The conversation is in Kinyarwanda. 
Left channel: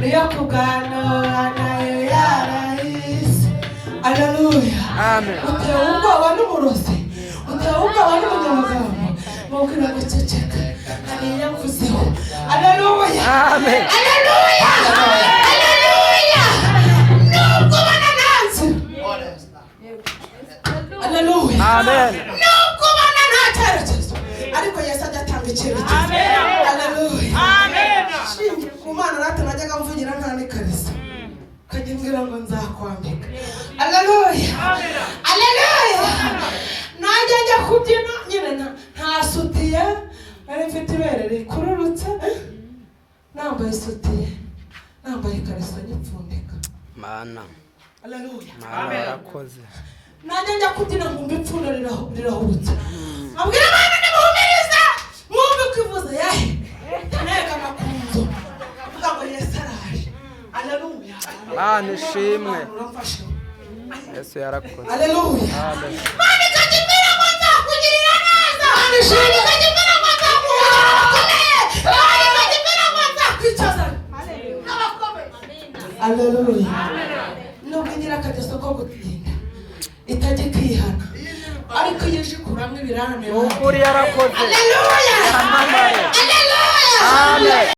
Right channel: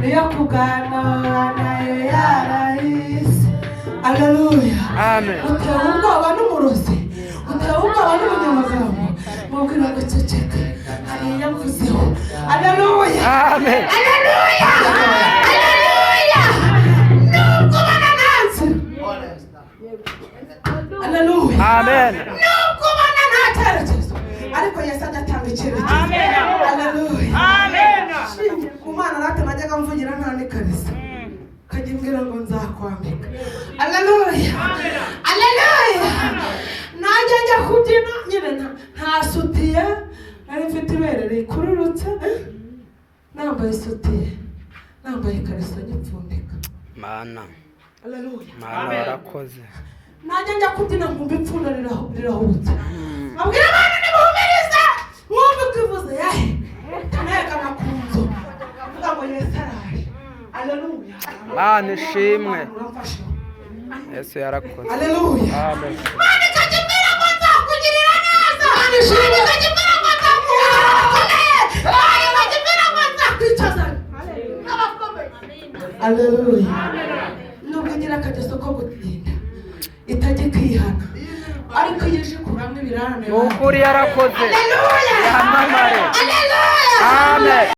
niyo kuganira nayo yarahise. Haleluya. Amen. Utewe ubwoba n'umurozi, utewe ubwoba n'umunyamagambo, mubwira guceceka hariya mvuzeho. Haleluya. Amen. Haleluya. Haleluya. Nubwo banananze. Haleluya. Amen. Nubwo ubona nta cyerekezo, ariko Yesu ajya atanga icyerekezo. Haleluya. Ku Mana rata najyaga mvugira nta n'ikarisa, kajya mbwira ngo nzakwambika. Haleluya. Haleluya. Najya njya kubyina nyine nta sutiye, nari mfite ibere rikururutse, nambaye isutiye, nambaye ikariso nyipfundika. Mana. Haleluya. Mana warakoze. Najya njya kubyina nkumva ipfundo rirahubutse, abwira abana nimuhumirize mwumve ko ivuze yahe ntegana ku nzu mvuga ngo Yesu araje. Haleluya. Mana ishimwe. Yesu yarakoze. Haleluya. Amen. Mana ikajya imbere ngo nzakugirira neza. Mana ishimwe. Ikajya imbere ngo nzakugira abakomeye. Mana ikajya imbere ngo nzakwicaza abakomeye. Haleluya. Nubwo ngira akageso ko gutinda itajya kwihana, ariko iyo ije ikuramo ibirarane Nukuri yarakoze. Haleluya. Yamamare. Haleluya. Amen.